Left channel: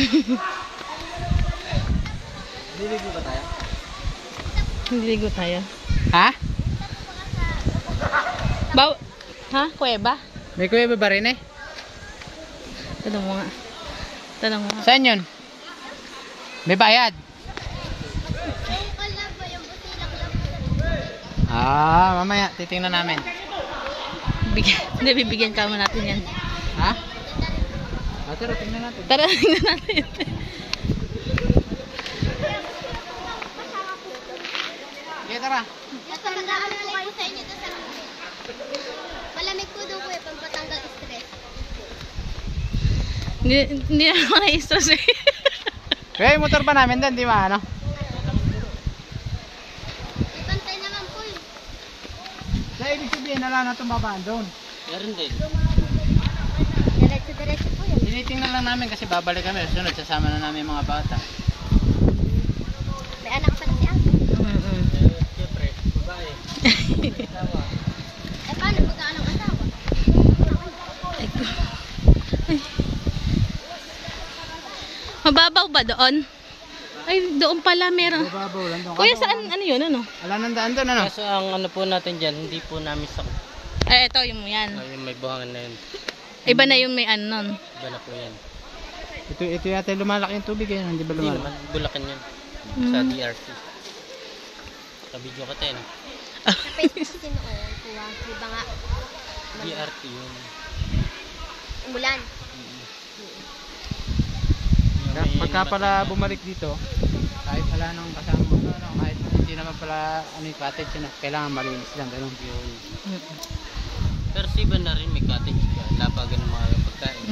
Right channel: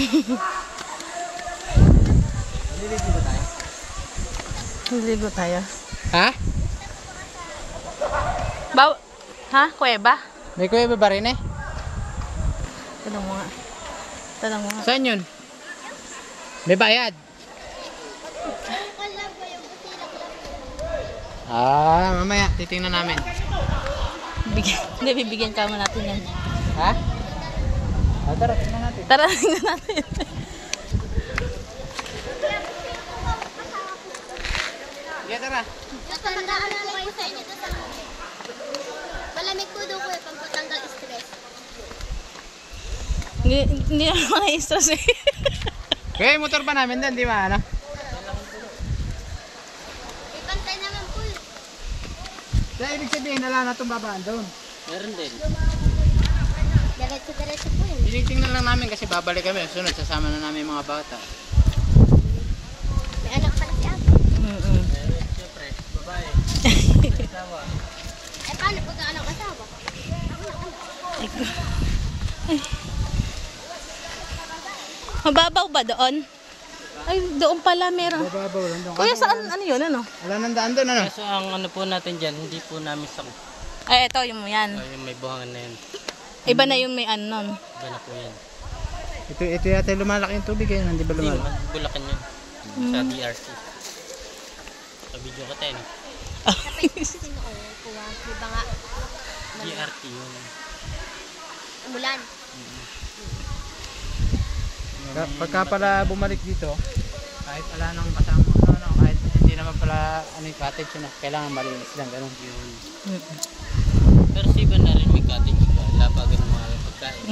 Nililigo ba tayo? Nililigo tayo. Ha? Ha? Kuweba? May kuweba ba rin eh? Tanong mo nga. Tanong mo nga. Saan yun? May bayad? Mamaya titingnan namin. Hindi, bibigyan ka mo natin yan. Ha? Tara, tingnan natin. Tara, tingnan natin. Yeah, tara. Tatandaan ko kayo sa inyo sa malamig po daw po eh, pagpatanggal stress. Hindi na ako na-stress eh. Kaya yung motor pa namin doon, di ba ano? Ipantay naman po eh. Kaya ibig sabihin, wala na itong babaan doon. Meron din. Diretso-diretso po yun. Tinitingnan lang namin kasi babalik kami. Sunod, sasama na namin yung mga bata. May anak pa na si Apo. Siyempre, babae. Asawa. Eh paano pagka anak asawa? Ay. Mababaw ba doon? Ay, doon pala meron. Bababaw lang doon. Kuya, saan? Ano yun? Ano? Wala nang daan doon, ano? Kaso ang ano po natin dyan, hindi po namin sakot. Ay, ito yung yan. Yung may buhangan na yun. Iba na yung may ano nun. Iba na po yan. Ito yata lumalaki yung tubig eh. Hindi ba Hindi lumalaki? naman, Bulacan yun. Sa DRC. Kabidyo ka tayo, no? Napay-sin o kuha. Diba nga? DRT yun. Umulan. Pagka pala bumalik dito, kahit wala nang kasama, kahit hindi naman pala yung cottage, kailangan malinis lang, ganun. Yun. Pero sa iba na rin may cottage dyan. Lapagan ng mga pagkain.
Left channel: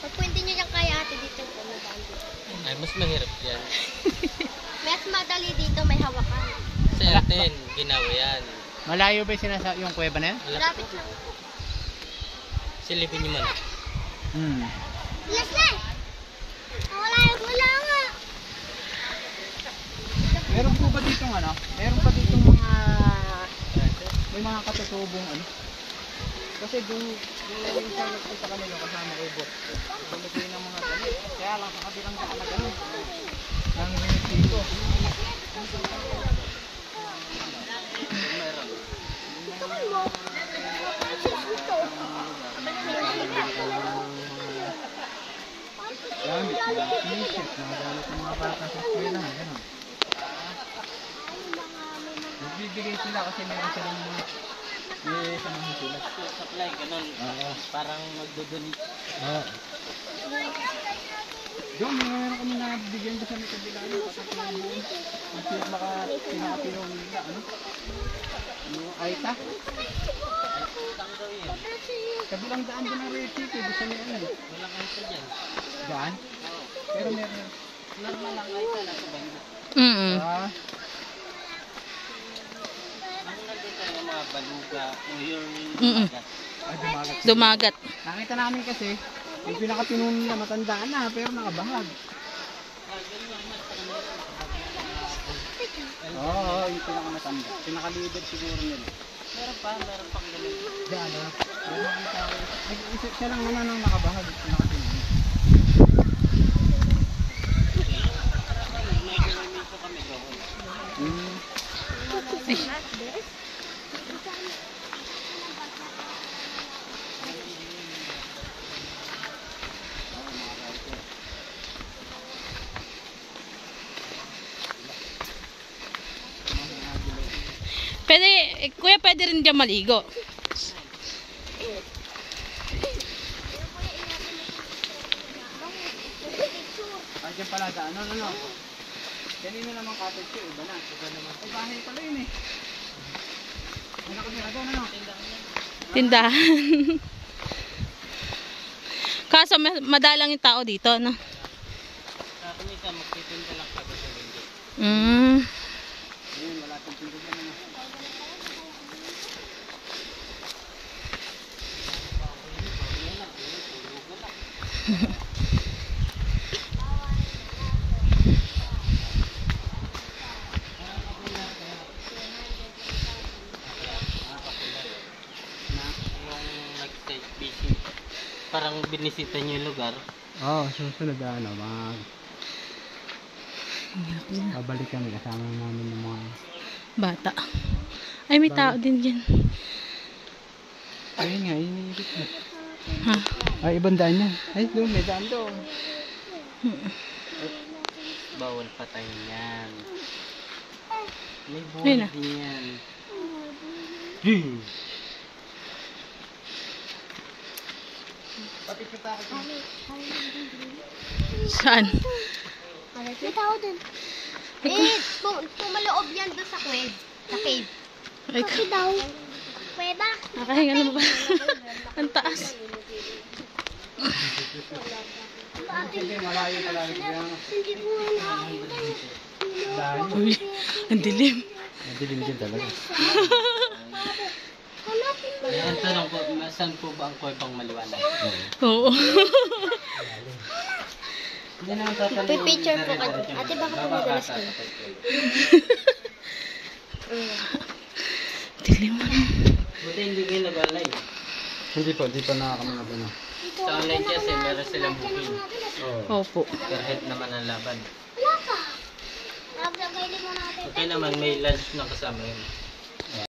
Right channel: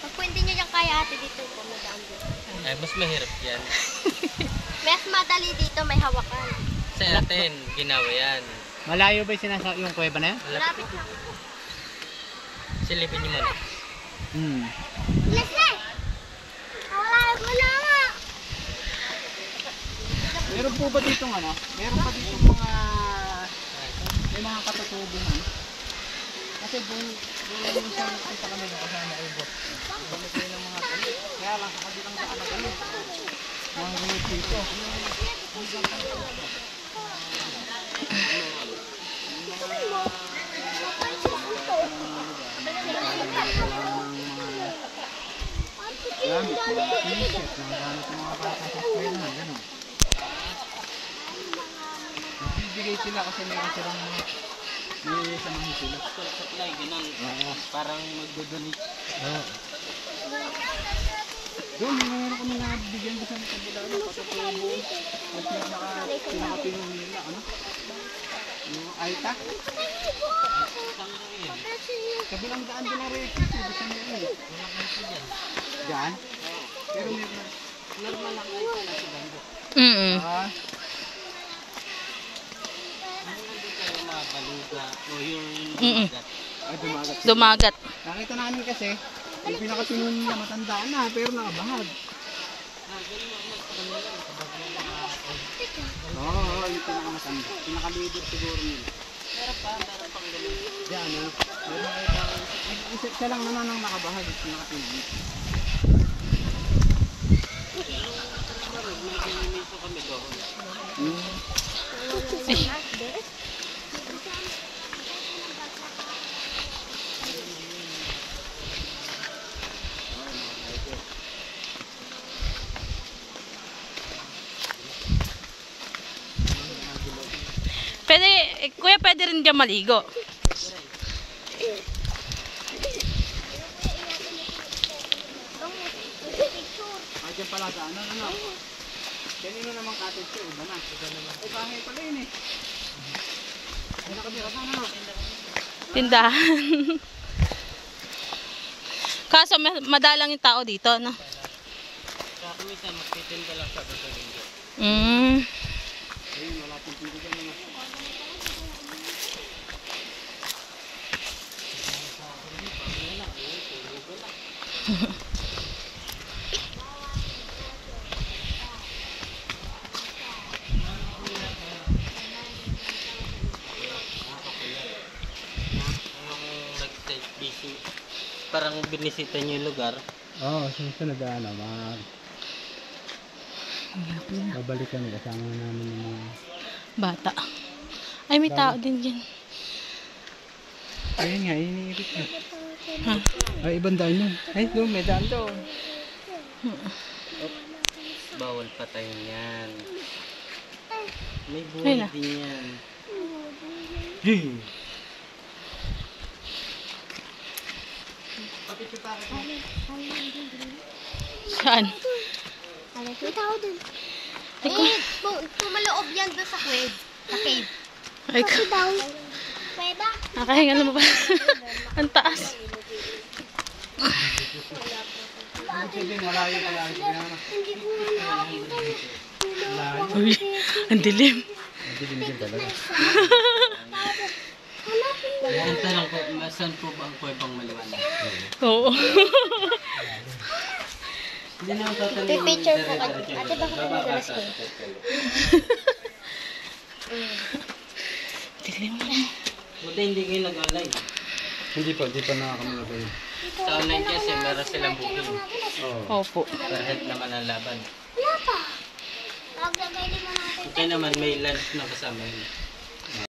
Pag po hindi nyo yung kaya ate dito po, may daan dito. Ay, mas mahirap yan. Mas madali dito, may hawakan. Sa atin, ginawa yan. Malayo ba yung kuweba na yan? Malapit lang. Silipin nyo man. Leslie! Wala nga! Meron po ba dito meron pa dito may mga katutubong kasi doon sa nakita kami yung kasama ko bot. Dami ko ng mga talit. Kaya lang sa kabilang daan na kami. Ang dito. Nagbibigay sila kasi may silang may samahan sila. Supply, ganun. Parang magdodonate. Doon, meron kami nabigyan doon sa kabila. Patatubo. At pinakapinong nila. Aita? Kabilang daan din na rin ito. Gusto nila yun. Walang ano pa dyan. Daan? Pero meron. Normal lang ay sana sa bando. Ang nandun tayo na baluga o yung magat. Dumagat. Dumagat. Nakita namin kasi, yung pinakapinong nila matandaan na, pero nakabahag. Oo, yung pinakamatanda. Pinaka-leader siguro nila. Meron pang ganun. Diyan, nag-iisip ka lang nang nakabahag. Pinakapinong. May ginamin po kami doon. Pwede, kuya, pwede rin dyan maligo. Ay, dyan pala daan. Kanino naman cottage ko, iba na. Ay, bahay pala yun eh. Ano kami doon, Tindahan. Kaso madalang yung tao dito, no? Sa kumisan, magtitinda lang sa basalinggo. Ayun, wala kang tindahan naman. Yung nag-start busy. Parang lang binisita niyo yung lugar. Oo, susunod babalik kami kasama namin yung mga... Bata. Ay, may tao din dyan. Ayun nga, iniibig na. Ha? Ay, ibang daan yun. Ay, doon, may daan doon. Bawal patayin yan. May Ayun buhay na. din yan. Saan? May tao dun. Eh, pumaloob yan doon sa cave. Sa cave. Ay, Kasi daw. Pweba. nakahinga naman ba? Ang taas. Hindi ko nakakita. Uy, ang dilim. Hindi din talaga. Ang tanong ko, saan po ba ang kuwebang maliwanag? Oo. Hindi na tatanong. Pipicture ko kayo. Ate, baka madalas ko. Dilim. Buti hindi kayo nag-online. Hindi pa nakakamagod na. Sa online kasi meron silang booking. Oo. Opo. Kahit naman ang laban. Wala pa. Naglagay din mo natin. Okay naman, may lunch na kasama yun.